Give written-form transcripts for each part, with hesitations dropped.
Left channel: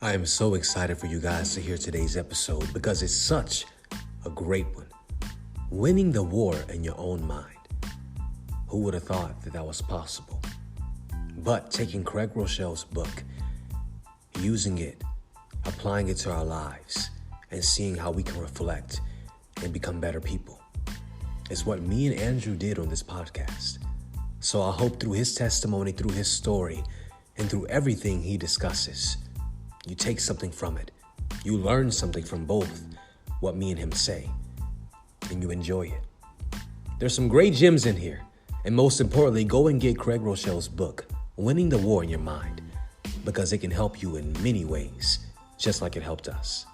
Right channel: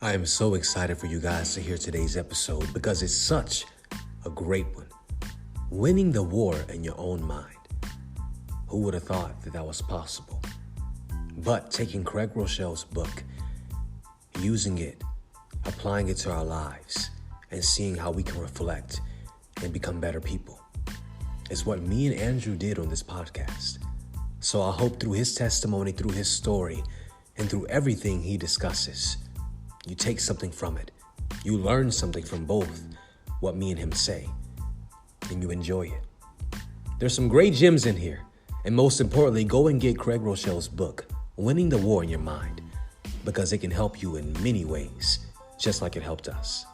I am so excited for you guys to hear today's episode because it's such a great one. Winning the war in your own mind. Who would have thought that was possible? But taking Craig Groeschel's book, using it, applying it to our lives, and seeing how we can reflect and become better people is what me and Andrew did on this podcast. So I hope through his testimony, through his story, and through everything he discusses, you take something from it. You learn something from both what me and him say, and you enjoy it. There's some great gems in here, and most importantly, go and get Craig Groeschel's book, Winning the War in Your Mind, because it can help you in many ways, just like it helped us.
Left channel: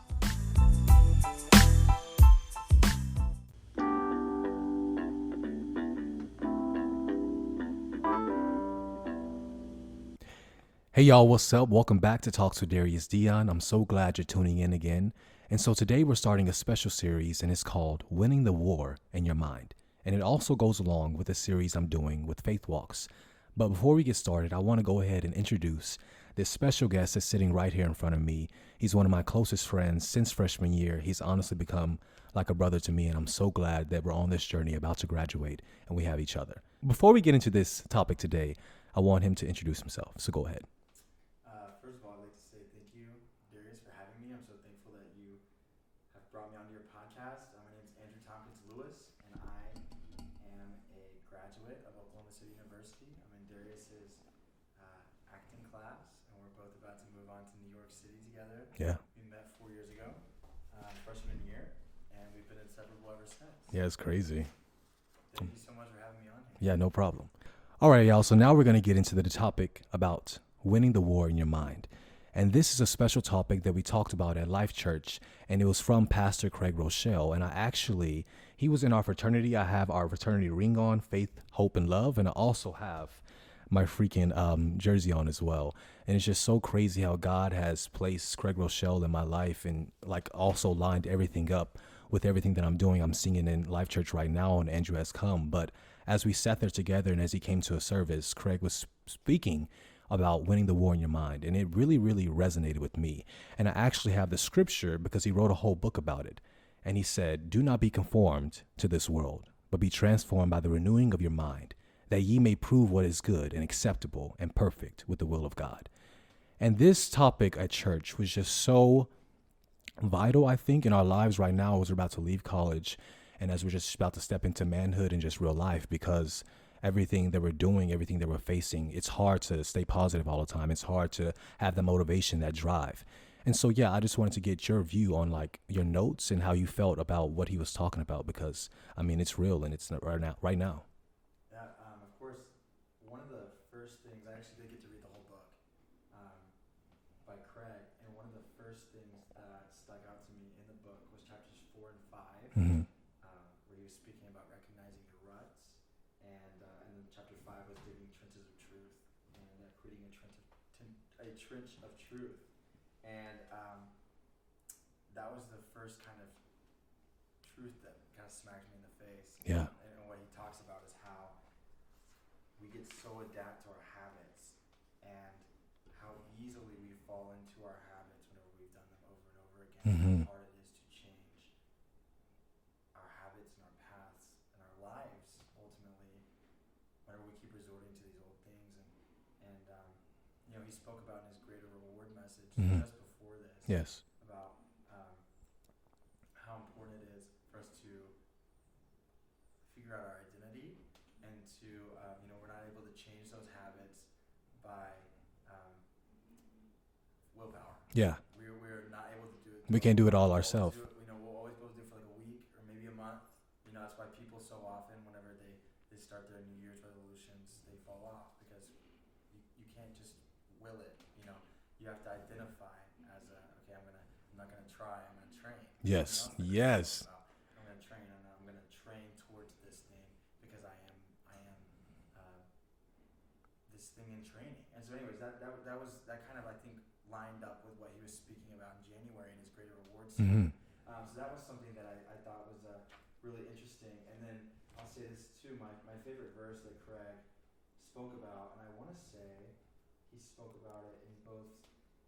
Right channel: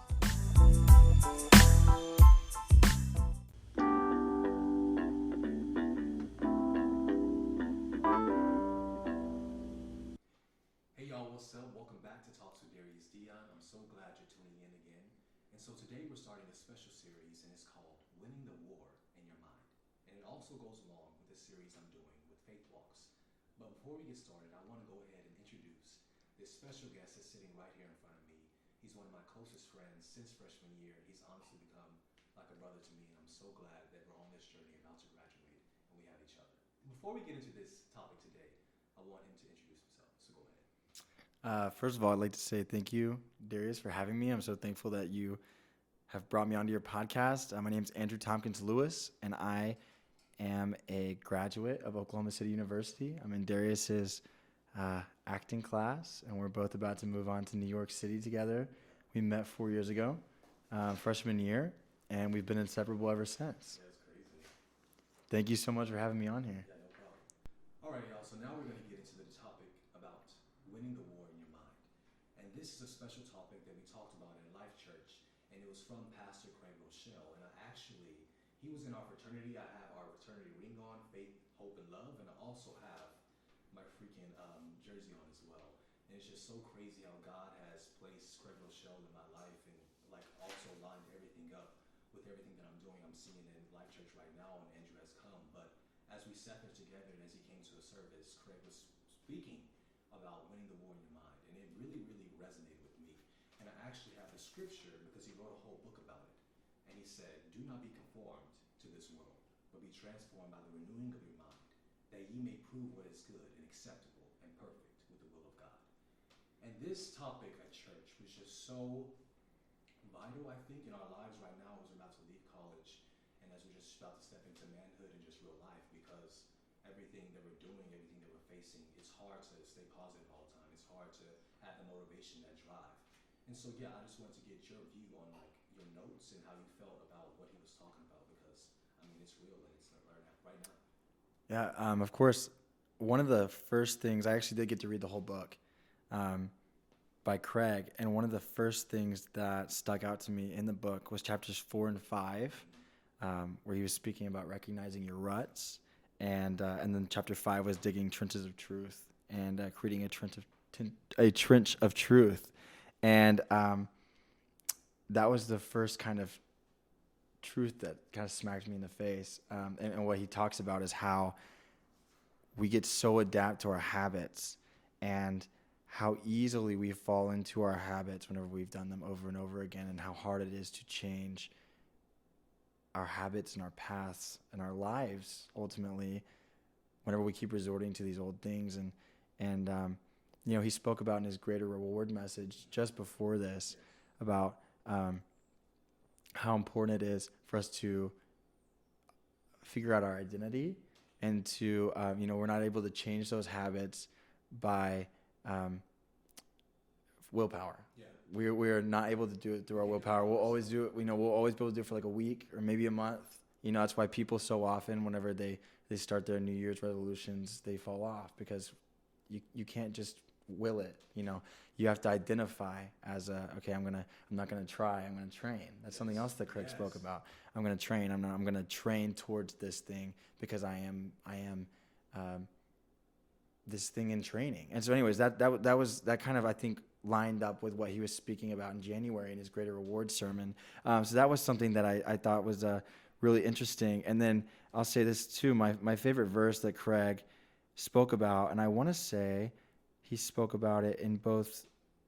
Hey y'all, what's up? Welcome back to Talks with Darius Deon. I'm so glad you're tuning in again. And so today we're starting a special series and it's called Winning the War in Your Mind. And it also goes along with the series I'm doing with Faith Walks. But before we get started, I want to go ahead and introduce this special guest that's sitting right here in front of me. He's one of my closest friends since freshman year. He's honestly become like a brother to me, and I'm so glad that we're on this journey about to graduate and we have each other. Before we get into this topic today, I want him to introduce himself. So go ahead. First of all, I'd like to say thank you, Darius, for having me. I'm so thankful that you have brought me onto your podcast. My name is Andrew Tompkins Lewis, and I am a graduate of Oklahoma City University. I'm in Darius's acting class, and we're both about to move on to New York City together. Yeah. We met 4 years ago, freshman year, and we've been inseparable ever since. Yeah, it's crazy. Thank you so much for having me on here. Yeah, no problem. All right, y'all. So now we're going to get into the topic about winning the war in your mind. And this is a special topic that we talked about at Life Church, and it was from Pastor Craig Groeschel. And he was in our fraternity. I have our fraternity ring on, Faith, Hope, and Love. And I also have my freaking jersey on as well. And it's just so crazy how God has placed Craig Groeschel in my life and like also lined everything up with everything that I'm doing. I'm singing in Life Church right now, and Andrew has come. But as we sat there together and as he came to a service, Craig was speaking about winning the war in your mind. And it really, really resonated with me. And I actually have the scripture because he wrote a whole book about it. And he said, "Do not be conformed to this world, but be transformed by the renewing of your mind, that ye may prove what is good and acceptable and perfect with the will of God." And this topic at church was just so vital, I think, in our lives right now as we're about to leave college and as we're just about to step into manhood and just real life, because everything that we're doing, everything that we're facing, it's hard to stay positive all the time. It's hard to have the motivation, that drive. And so, yeah, I just wanted to get your view on like your notes and how you felt about what he was talking about, because I mean, it's real and it's right now. Yeah, of course, one of the first things, I actually did get to read the whole book by Craig, and one of the first things that stuck out to me in the book was chapters 4 and 5, where he was speaking about recognizing your ruts. And then chapter 5 was digging trenches of truth and creating a trench of truth. And that was the first kind of truth that kind of smacked me in the face. Yeah. And what he talks about is how we get so adapt to our habits and how easily we fall into our habits whenever we've done them over and over again, and how hard it is to change our habits and our paths and our lives ultimately whenever we keep resorting to these old things. And you know, he spoke about in his greater reward message just before this about how important it is for us to figure out our identity, and to you know, we're not able to change those habits by willpower. Yeah. We're not able to do it. We can't do it all we'll ourselves. We'll always be able to do it for like a week or maybe a month. You know, that's why people so often, whenever they start their New Year's resolutions, they fall off, because you can't just will it. You know, you have to identify as okay, I'm not gonna try. I'm gonna train. That's something else that Chris spoke about. I'm gonna train. I'm gonna train towards this thing because I am this thing in training. And so, anyways, that kind of, I think, lined up with what he was speaking about in January in his Greater Reward sermon. So that was something that I thought was really interesting. And then I'll say this too, my favorite verse that Craig spoke about, and I want to say he spoke about it in both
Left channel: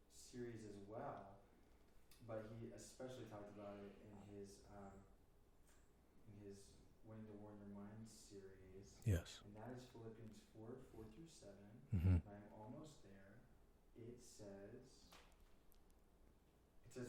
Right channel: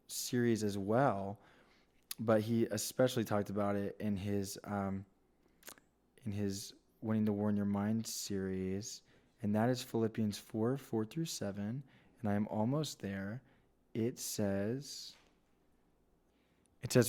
series as well, but he especially talked about it in his Winning the War in Your Mind series. Yes. And that is Philippians 4:4-7. Mm-hmm. And I am almost there. It says,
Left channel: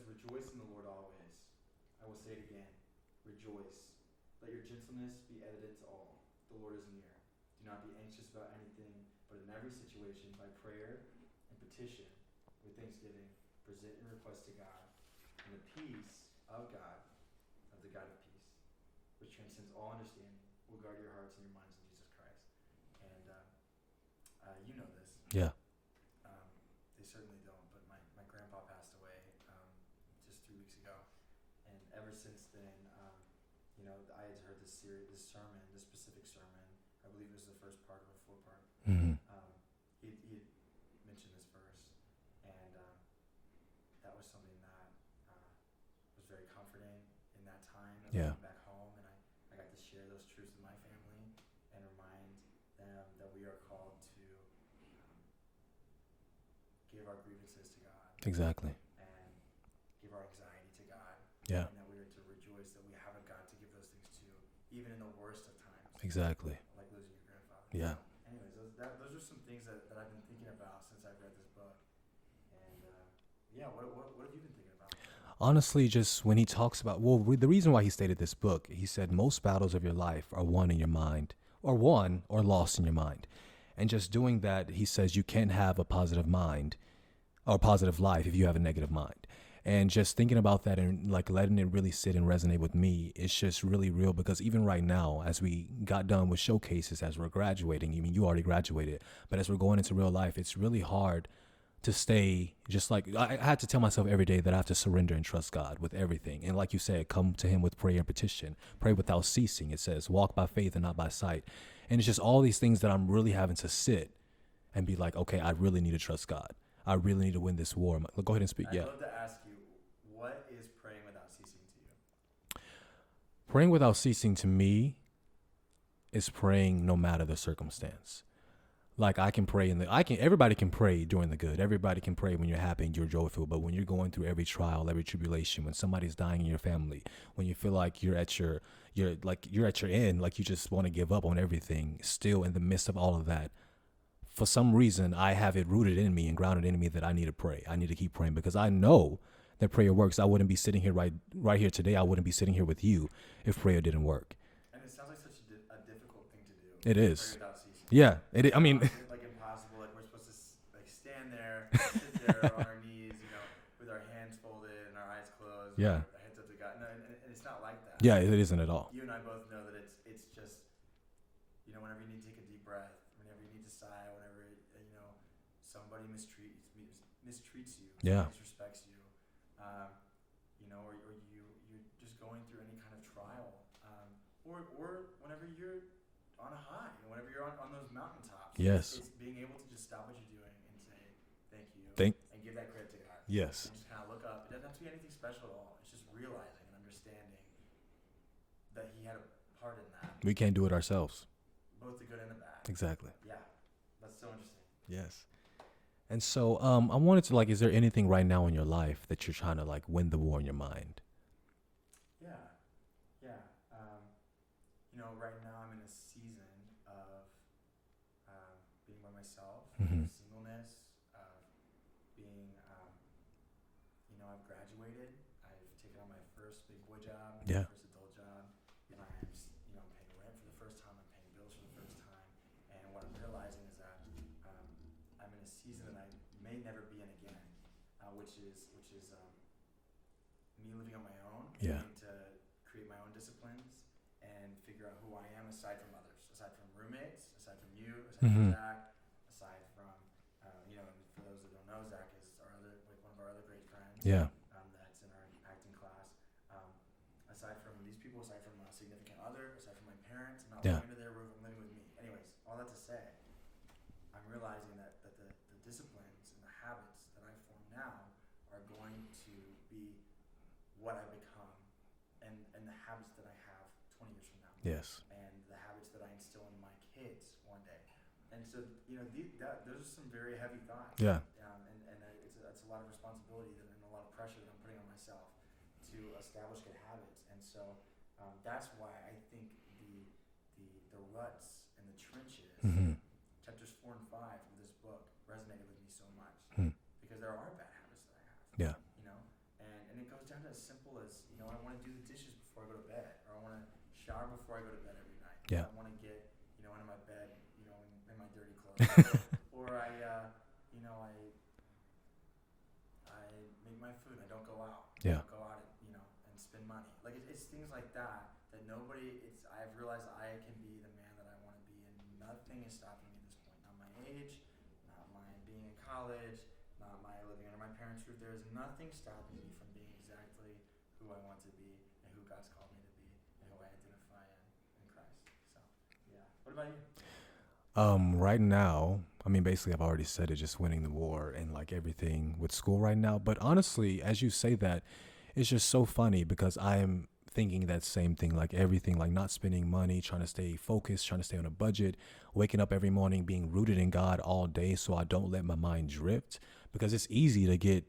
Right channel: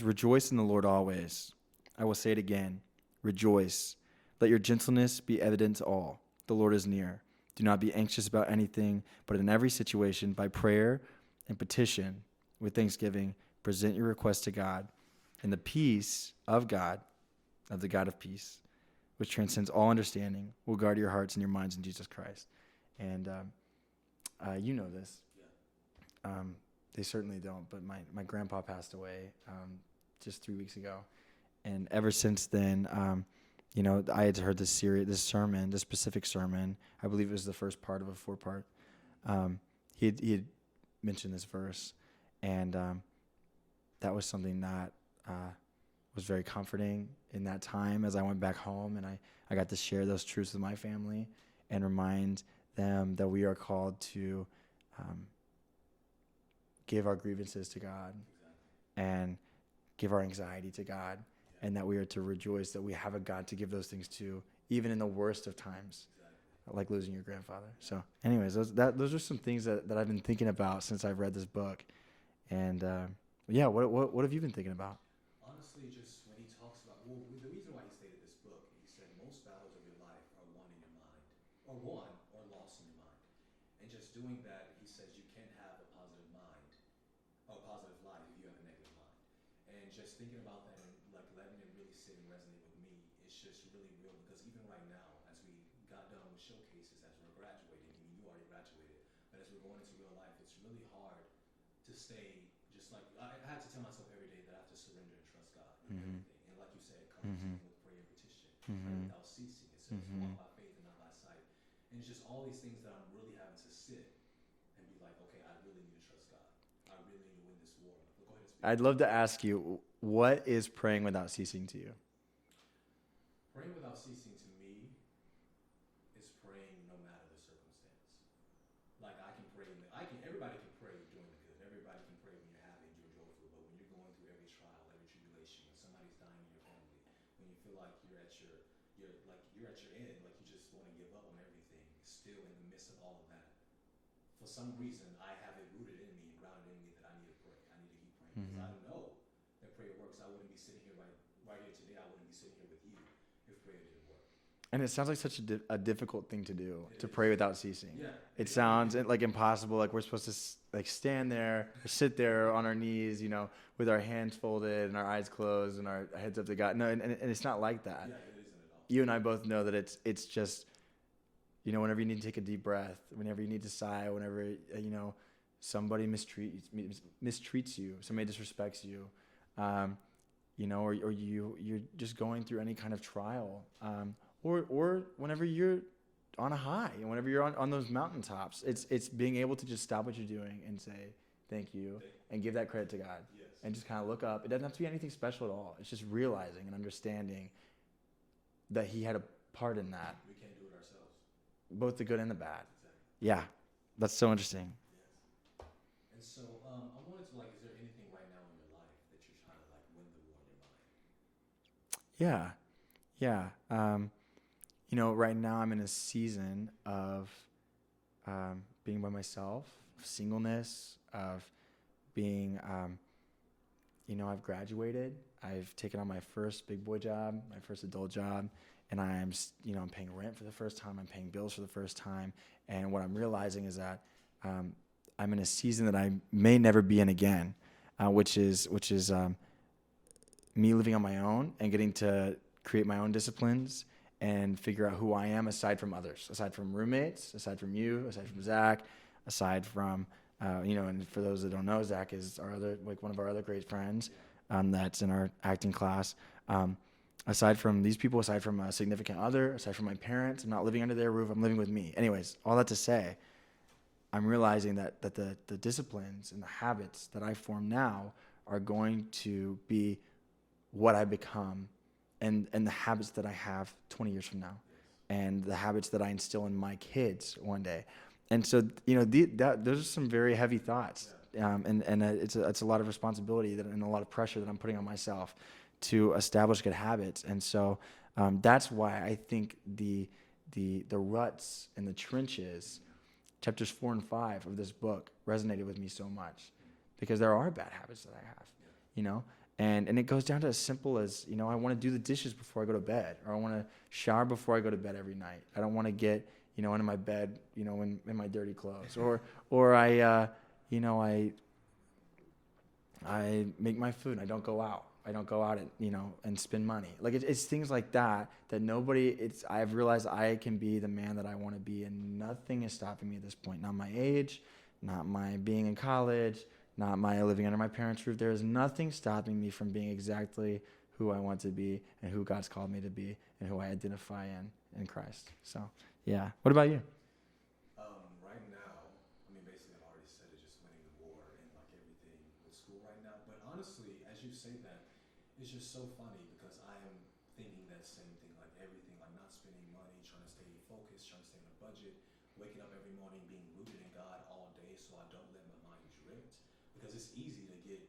rejoice in the Lord always. I will say it again. Rejoice. Let your gentleness be evident to all. The Lord is near. Do not be anxious about anything, but in every situation, by prayer and petition, with thanksgiving, present your requests to God. And the peace of God, of the God of peace, which transcends all understanding, will guard your hearts and your minds in Jesus Christ. And you know this. Yeah. They certainly don't, but my grandpa passed away just 3 weeks ago. And ever since then, I had heard this specific sermon. I believe it was the first part of a 4-part. Mm-hmm. He had mentioned this verse, and that was something that was very comforting in that time as I went back home, and I got to share those truths with my family and remind them that we are called to give our grievances to God. Exactly. And give our anxiety to God. Yeah. And that we are to rejoice that we have a God to give those things to, even in the worst of times. Exactly. Like losing your grandfather. Yeah. So anyways, those are some things that I've been thinking about since I've read this book. And what have you been thinking about? Honestly, just when he talks about, the reason why he stated this book, he said most battles of your life are won in your mind, or won or lost in your mind. And just doing that, he says you can't have a positive mind or positive life if you have a negative mind. And just thinking about that and like letting it really sit and resonate with me, it's just really real, because even right now, as we got done with showcases, as we're graduating, I mean, you already graduated, but as we're going into real life, it's really hard to stay just like, I had to tell myself every day that I have to surrender and trust God with everything. And like you said, come to him with prayer and petition, pray without ceasing. It says, walk by faith and not by sight. And it's just all these things that I'm really having to sit and be like, okay, I really need to trust God. I really need to win this war. Go ahead and speak. I'd love to ask you, what is praying without ceasing to you? Praying without ceasing to me is praying no matter the circumstance. Like I can pray everybody can pray during the good. Everybody can pray when you're happy and you're joyful. But when you're going through every trial, every tribulation, when somebody's dying in your family, when you feel like you're at your end, like you just want to give up on everything, still in the midst of all of that, for some reason, I have it rooted in me and grounded in me that I need to pray. I need to keep praying, because I know that prayer works. I wouldn't be sitting here right here today. I wouldn't be sitting here with you if prayer didn't work. And it sounds like such a difficult thing to do. It is. Pray without ceasing. Yeah. It sounds like impossible. Like we're supposed to stand there, sit there on our knees, with our hands folded and our eyes closed, and our heads up to God. No, and it's not like that. Yeah, it isn't at all. You and I both know that it's just, whenever you need to take a deep breath, whenever you need to sigh, whenever, somebody mistreats you, somebody disrespects you, or you're just going through any kind of trial, or whenever you're on a high, and whenever you're on those mountaintops, it's being able to just stop what you're doing and say, thank you, and give that credit to God. Yes. And just kind of look up. It doesn't have to be anything special at all. It's just realizing and understanding that he had a part in that. We can't do it ourselves. Both the good and the bad. Exactly. Yeah. That's so interesting. Yes. And so I wanted to, is there anything right now in your life that you're trying to win the war in your mind? Yeah. Yeah. Right now I'm in a season of being by myself, of singleness, of being, I've graduated. I've taken on my first big boy job, my first adult job. And I'm paying rent for the first time. I'm paying bills for the first time. And what I'm realizing is that I'm in a season that I may never be in again, which is me living on my own and getting to create my own disciplines and figure out who I am aside from others, aside from roommates, aside from you, aside from Zach, aside from, and for those that don't know, Zach is one of our other great friends. Yeah. That's in our acting class. Aside from these people, aside from a significant other, aside from my parents, I'm not living under their roof. I'm living with me. Anyways, all that to say, I'm realizing that the disciplines and the habits that I form now are going to be what I become and the habits that I have 20 years from now. Yes. And the habits that I instill in my kids one day. And so, those are some very heavy thoughts. Yeah. And it's a lot of responsibility and a lot of pressure that I'm putting on myself to establish good habits. And so that's why I think the ruts and the trenches, chapters 4 and 5 of this book resonated with me so much because there are bad habits that I have. Yeah. And it goes down to as simple as, I want to do the dishes before I go to bed, or I want to shower before I go to bed every night. Yeah. I don't want to get, into my bed, in my dirty clothes, or I make my food and I don't go out. Yeah. I don't go out and spend money. Like it's things like that I've realized I can be the man that I want to be, and nothing is stopping me at this point. Not my age, not my being in college, not my living under my parents' roof. There is nothing stopping me from being exactly who I want to be and who God's called me to be and who I identify in Christ. So, yeah. What about you? Right now, basically I've already said it, just winning the war and like everything with school right now. But honestly, as you say that, it's just so funny because I am thinking that same thing, like everything, like not spending money, trying to stay focused, trying to stay on a budget, waking up every morning, being rooted in God all day so I don't let my mind drift, because it's easy to get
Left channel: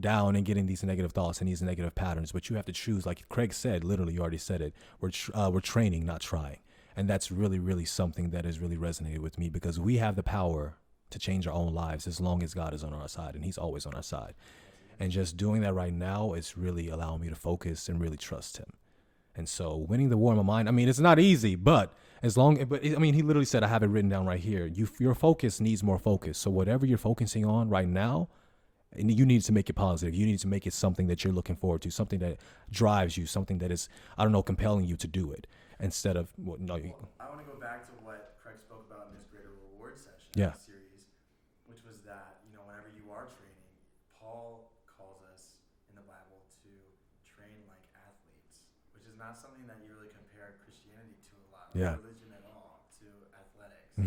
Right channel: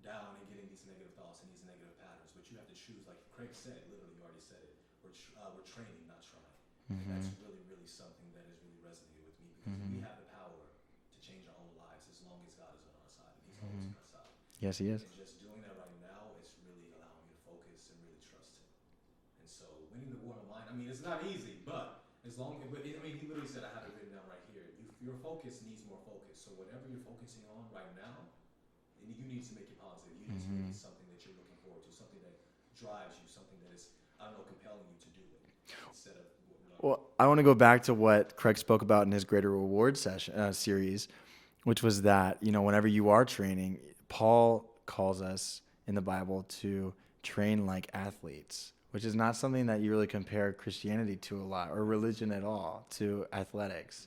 down and getting these negative thoughts and these negative patterns, but you have to choose. Like Craig said, literally, you already said it, we're training, not trying. And that's really, really something that has really resonated with me, because we have the power to change our own lives as long as God is on our side, and he's always on our side. Yes, he is. And just doing that right now is really allowing me to focus and really trust him. And so winning the war in my mind, it's not easy, but he literally said, I have it written down right here. Your focus needs more focus. So whatever you're focusing on right now, you need to make it positive. You need to make it something that you're looking forward to, something that drives you, something that is, compelling you to do it. Instead of I want to go back to what Craig spoke about in his Greater Reward series, which was that whenever you are training, Paul calls us in the Bible to train like athletes, which is not something that you really compare Christianity to a lot, or religion at all, to athletics.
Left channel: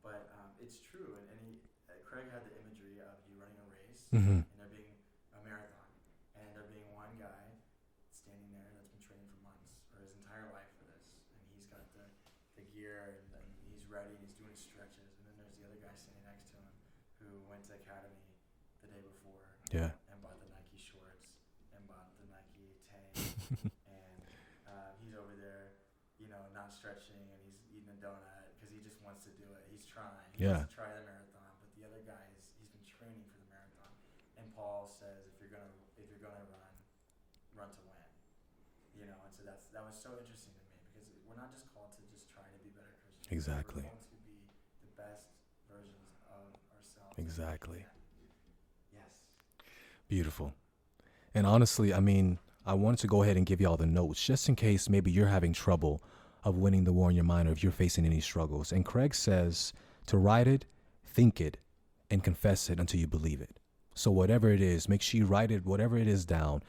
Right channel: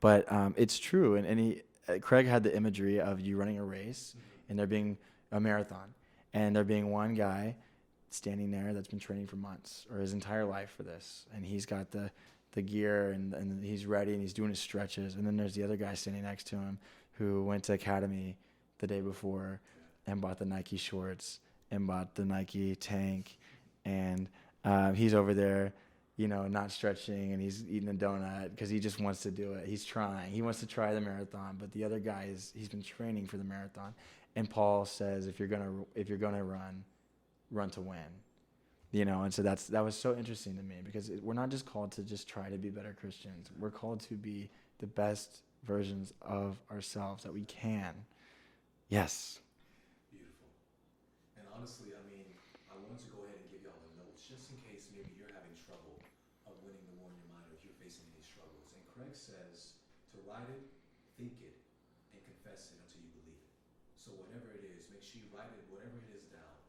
But it's true, and Craig had the imagery of you running a race and there being a marathon, and there being one guy standing there that's been training for months or his entire life for this, and he's got the gear and he's ready and he's doing his stretches, and then there's the other guy standing next to him who went to academy the day before and bought the Nike shorts and bought the Nike tank and he's over there not stretching, and he's eating a donut because he just wants to do it. He's trying. He wants to try the marathon, but the other guy he's been training for the marathon. And Paul says, if you're gonna run to win, and so that was so interesting to me, because we're not just called to just try to be better Christians. Exactly. We're called to be the best versions of ourselves that we can. Yes. Beautiful. And honestly, I wanted to go ahead and give y'all the notes just in case maybe you're having trouble of winning the war in your mind, or if you're facing any struggles. And Craig says to write it, think it, and confess it until you believe it. So whatever it is, make sure you write it, whatever it is, down.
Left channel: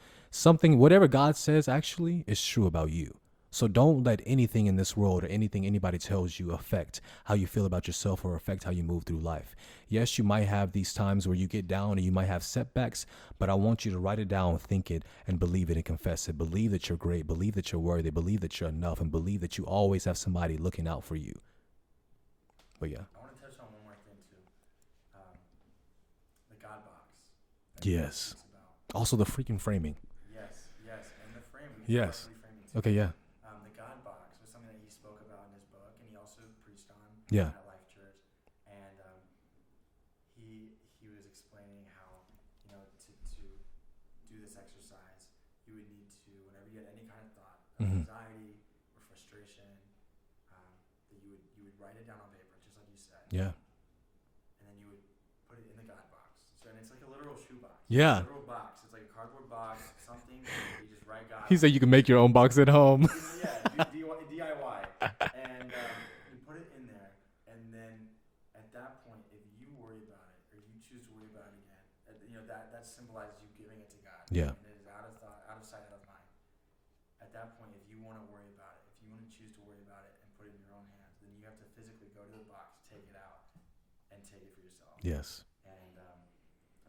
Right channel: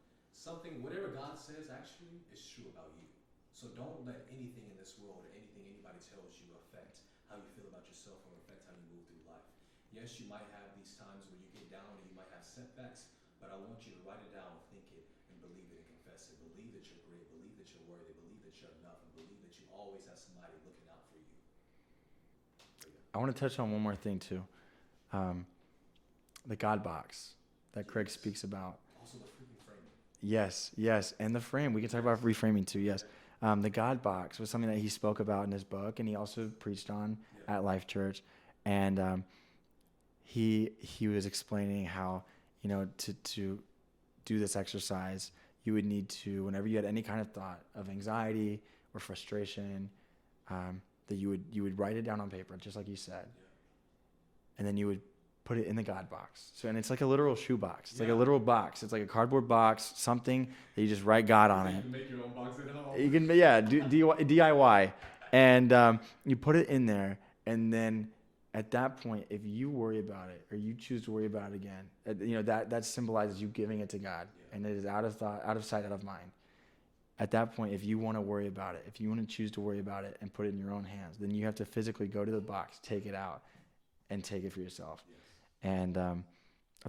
Whatever God says actually is true about you. So don't let anything in this world or anything anybody tells you affect how you feel about yourself or affect how you move through life. Yes, you might have these times where you get down and you might have setbacks, but I want you to write it down, think it, and believe it and confess it. Believe that you're great. Believe that you're worthy. Believe that you're enough, and believe that you always have somebody looking out for you. But yeah. I want to touch on one more thing too. The God box that Craig speaks about. Also the freaking framing. Yes. And the frame. We can talk about reframing too. Okay, The God box was something that he spoke about in his book, and he also preached on at Life Church. And he was explaining how, to do this exercise, you would need to, whenever you had any kind of thought of anxiety or frustration, that you would write it down on paper, just like you said. Yeah. And then you would put it in the God box. So, and it's like a literal shoe box. Yeah. Like a literal box. It's like a cardboard box, something that you just write God on. He said you can make your own box at home. You can, do DIY. And you put it in there, and then at that point, if you worry about it or you choose to worry about it again, that symbolizes you giving it to God. Yeah. And it is out of thought, out of sight, out of mind. At that point, if you want to worry about it, if you want to choose to worry about it and put it in your own hands, then you have to physically go to the box, take it out, and take it for yourself. Yes. And I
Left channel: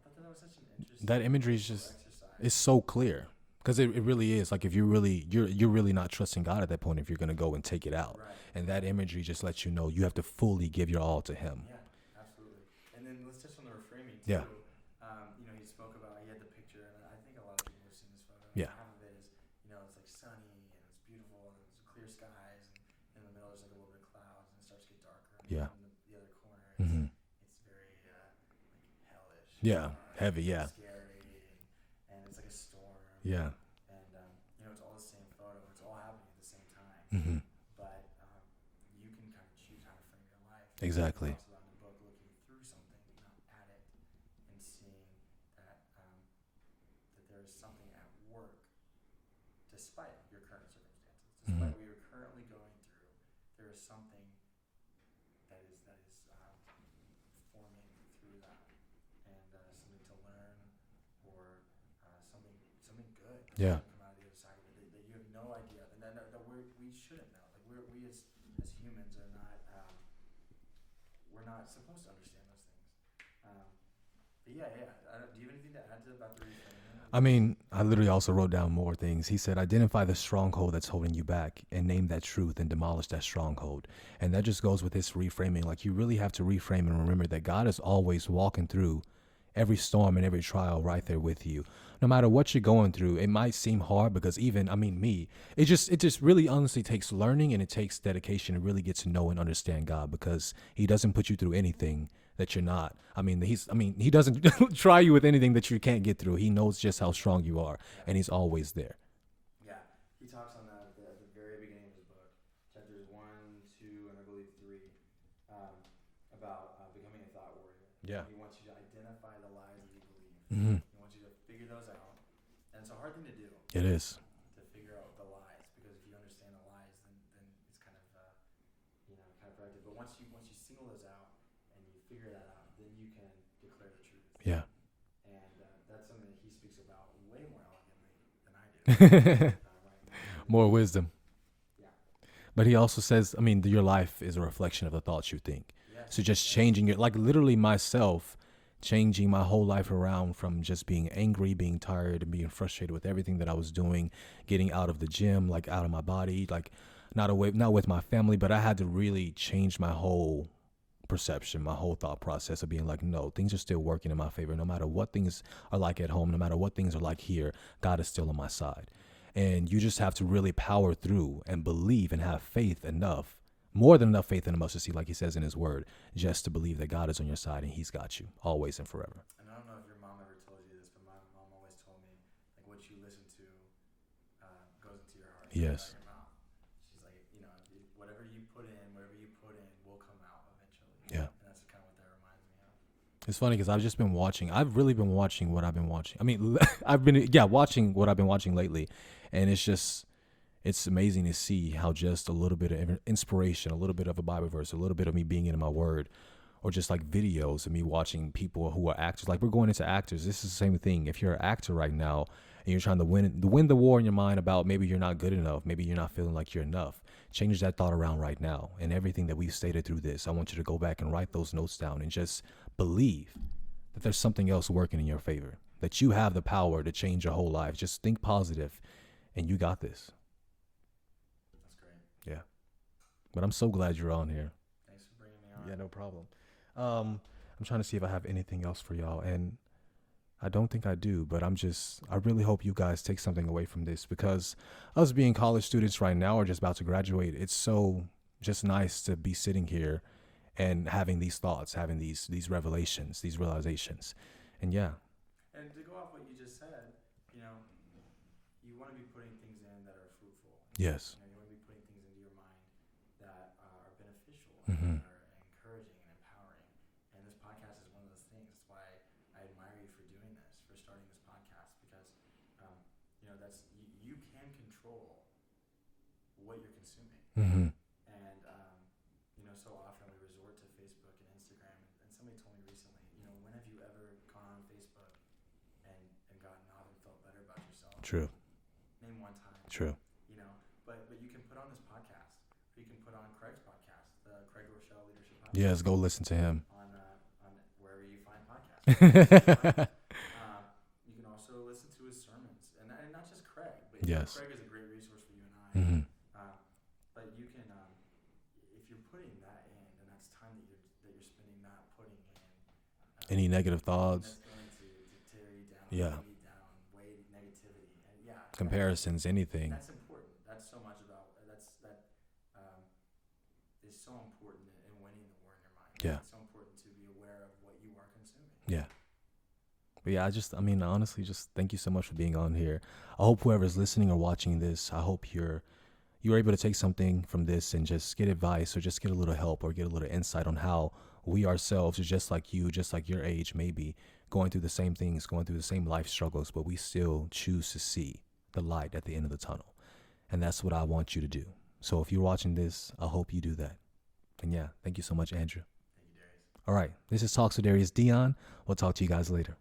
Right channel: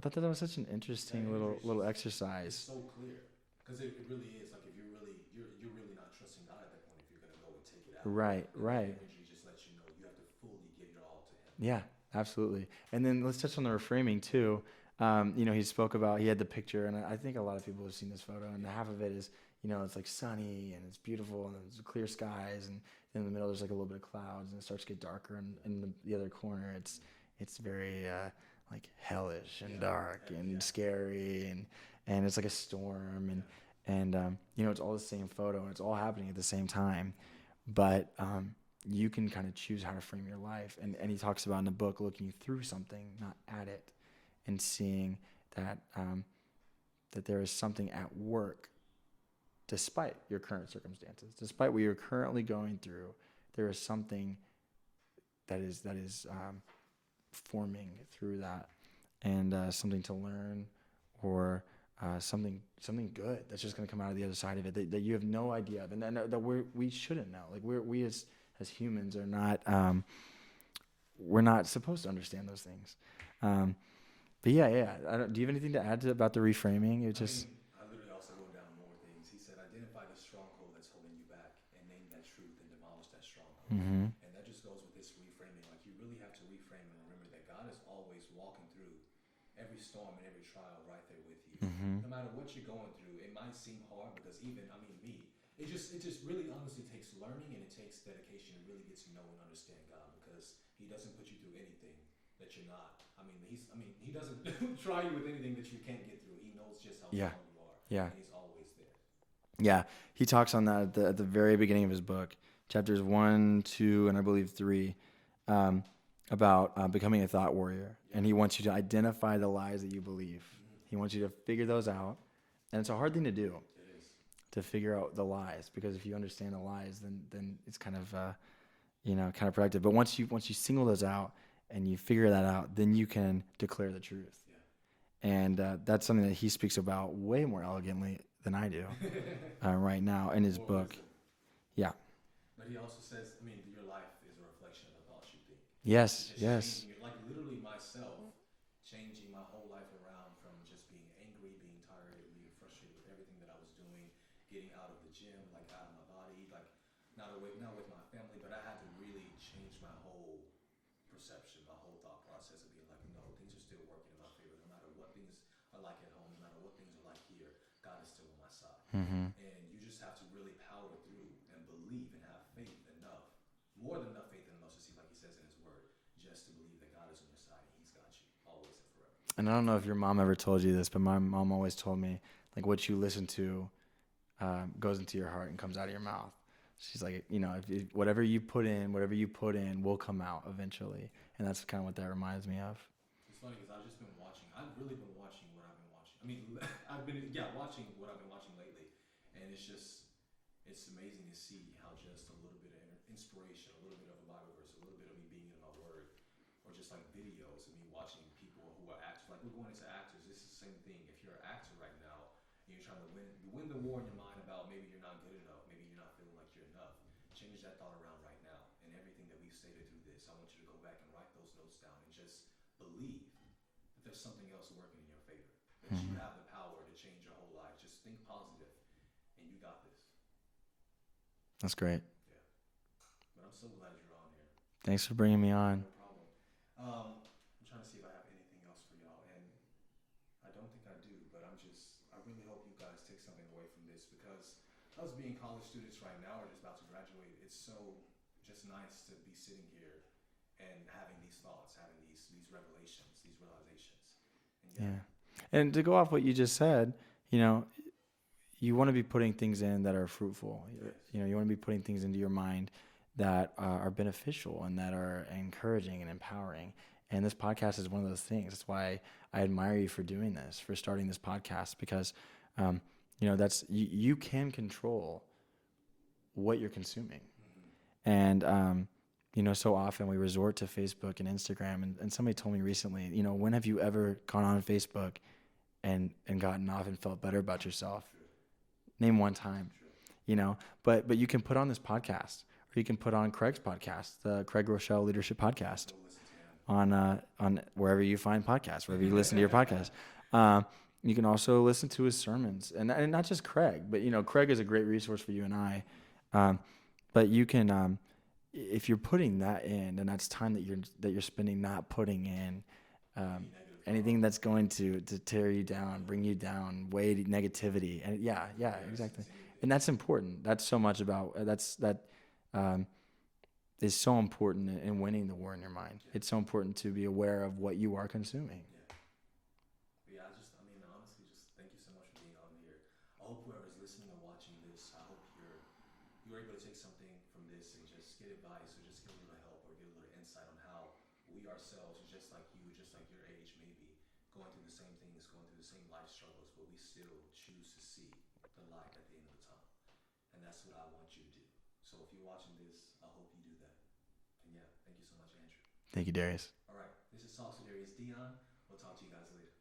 thought that was such an interesting that imagery little exercise. It's so clear, Because it really is like if you're really not trusting God at that point if you're going to go and take it out. Right. And that imagery just lets you know you have to fully give your all to Him. Yeah, absolutely. And then let's touch on the reframing too. Yeah. He spoke about, he had the picture, and I think a lot of people have seen this photo, and half of it is, it's like sunny and it's beautiful and it's clear skies, and in the middle there's like a little bit of clouds, and it starts to get darker, and in the other corner it's very like hellish and dark, heavy, and scary, and it's like a storm. Yeah. And it's all the same photo, and it's all happening at the same time. But you can kind of choose how to frame your life. And he talks about in the book looking through something, not at it, and seeing that that there is something at work despite your current circumstances, despite what you're currently going through. There is something that is forming through that, and something to learn, or something good that's just going to come out of the other side of it that you have no idea of, and that we shouldn't know. Like we as humans are not we're not supposed to understand those things. But do you have anything to add about the reframing? I literally also wrote down more things. He said, identify the stronghold that's holding you back and name that truth and demolish that stronghold. And that just goes with this reframing. Like, you really have to reframe and remember that God is always walking through every storm and every trial right there with you. No matter what you're going through, it might seem hard because it just really honestly takes learning, and it takes dedication to really get to know and understand God, because He doesn't put you through anything that you're not. He doesn't try you with anything that you can't get through. He knows just how strong you are, and He's always there. Yeah. He talks on that at the very beginning of his book, chapters 1, 2, and I believe 3, about becoming a thought warrior. And he wants you to identify the lies that you believe. He wants you to figure those out. And it's a hard thing to do. It is. To figure out the lies, because if you understand the lies, then it's kind of productive. But once you single those out and you figure that out, then you can declare the truth. Yeah. And that's something that he speaks about way more elegantly than I do right now in his more book. Wisdom. Yeah. But he also says, your life is a reflection of the thoughts you think. Yes. So just changing it, like literally myself, changing my whole life around from just being angry, being tired, and being frustrated with everything that I was doing, getting out of the gym, like out of my body, like not with my family, but I had to really change my whole perception, my whole thought process of being like, no, things are still working in my favor. No matter what things are like at home, no matter what things are like here, God is still on my side. And you just have to really power through and believe and have faith enough, more than enough faith in a mustard seed, like he says in his word, just to believe that God is on your side and He's got you always and forever. And I don't know if your mom ever told you this, but my mom always told me, like, what you listen to goes into your heart and comes out of your mouth. She's like, if whatever you put in will come out eventually. Yeah. And that's kind of what that reminds me of. It's funny because I've really been watching what I've been watching. I've been watching what I've been watching lately. And it's amazing to see how just a little bit of inspiration, a little bit of a Bible verse, a little bit of me being in my word, or just like videos of me watching people who are actors. Like, we're going into actors. This is the same thing. If you're an actor right now, and you're trying to win the war in your mind about maybe you're not good enough, maybe you're not feeling like you're enough, change that thought around right now. And everything that we've stated through this, I want you to go back and write those notes down and just believe that there's something else working in your favor, that you have the power to change your whole life. Just think positive, and you got this. That's great. Yeah. But I'm so glad you're on here. Thanks for bringing me on. No problem. I'm trying to see if I have anything else for y'all, and I don't think I do, but I really hope you guys take something away from this, because us being college students right now or just about to graduate, it's so just nice to be sitting here and having these thoughts, having these revelations, these realizations. And yeah. And to go off what you just said, you want to be putting things in that are fruitful. Yes. You want to be putting things into your mind that are beneficial and that are encouraging and empowering. And this podcast is one of those things. That's why I admire you for doing this, for starting this podcast, because, that's you can control what you're consuming. And, so often we resort to Facebook and Instagram. And somebody told me recently, when have you ever gone on Facebook and gotten off and felt better about yourself? True. Name one time. True. But you can put on this podcast. Or you can put on Craig's podcast, the Craig Groeschel Leadership Podcast. Yes, go listen to him. On wherever you find podcasts, wherever you listen to your podcast. You can also listen to his sermons, and not just Craig, but you know, Craig is a great resource for you and I. But you can, if you're putting that in, and that's time that you're spending not putting in any negative thoughts, anything that's going to tear you down, bring you down, weight, negativity, and comparisons, exactly. anything. And that's important. That's so much about that is so important in winning the war in your mind. Yeah. It's so important to be aware of what you are consuming. Yeah. But yeah, honestly, just thank you so much for being on here. I hope whoever's listening or watching this, I hope you're able to take something from this and just get advice or just get a little help or get a little insight on how we ourselves are just like you, just like your age, maybe going through the same things, going through the same life struggles, but we still choose to see the light at the end of the tunnel. And that's what I want you to do. So if you're watching this, I hope you do that. And yeah, thank you so much, Andrew. Thank you, Darius. All right. This is Talks with Darius Deon. We'll talk to you guys later.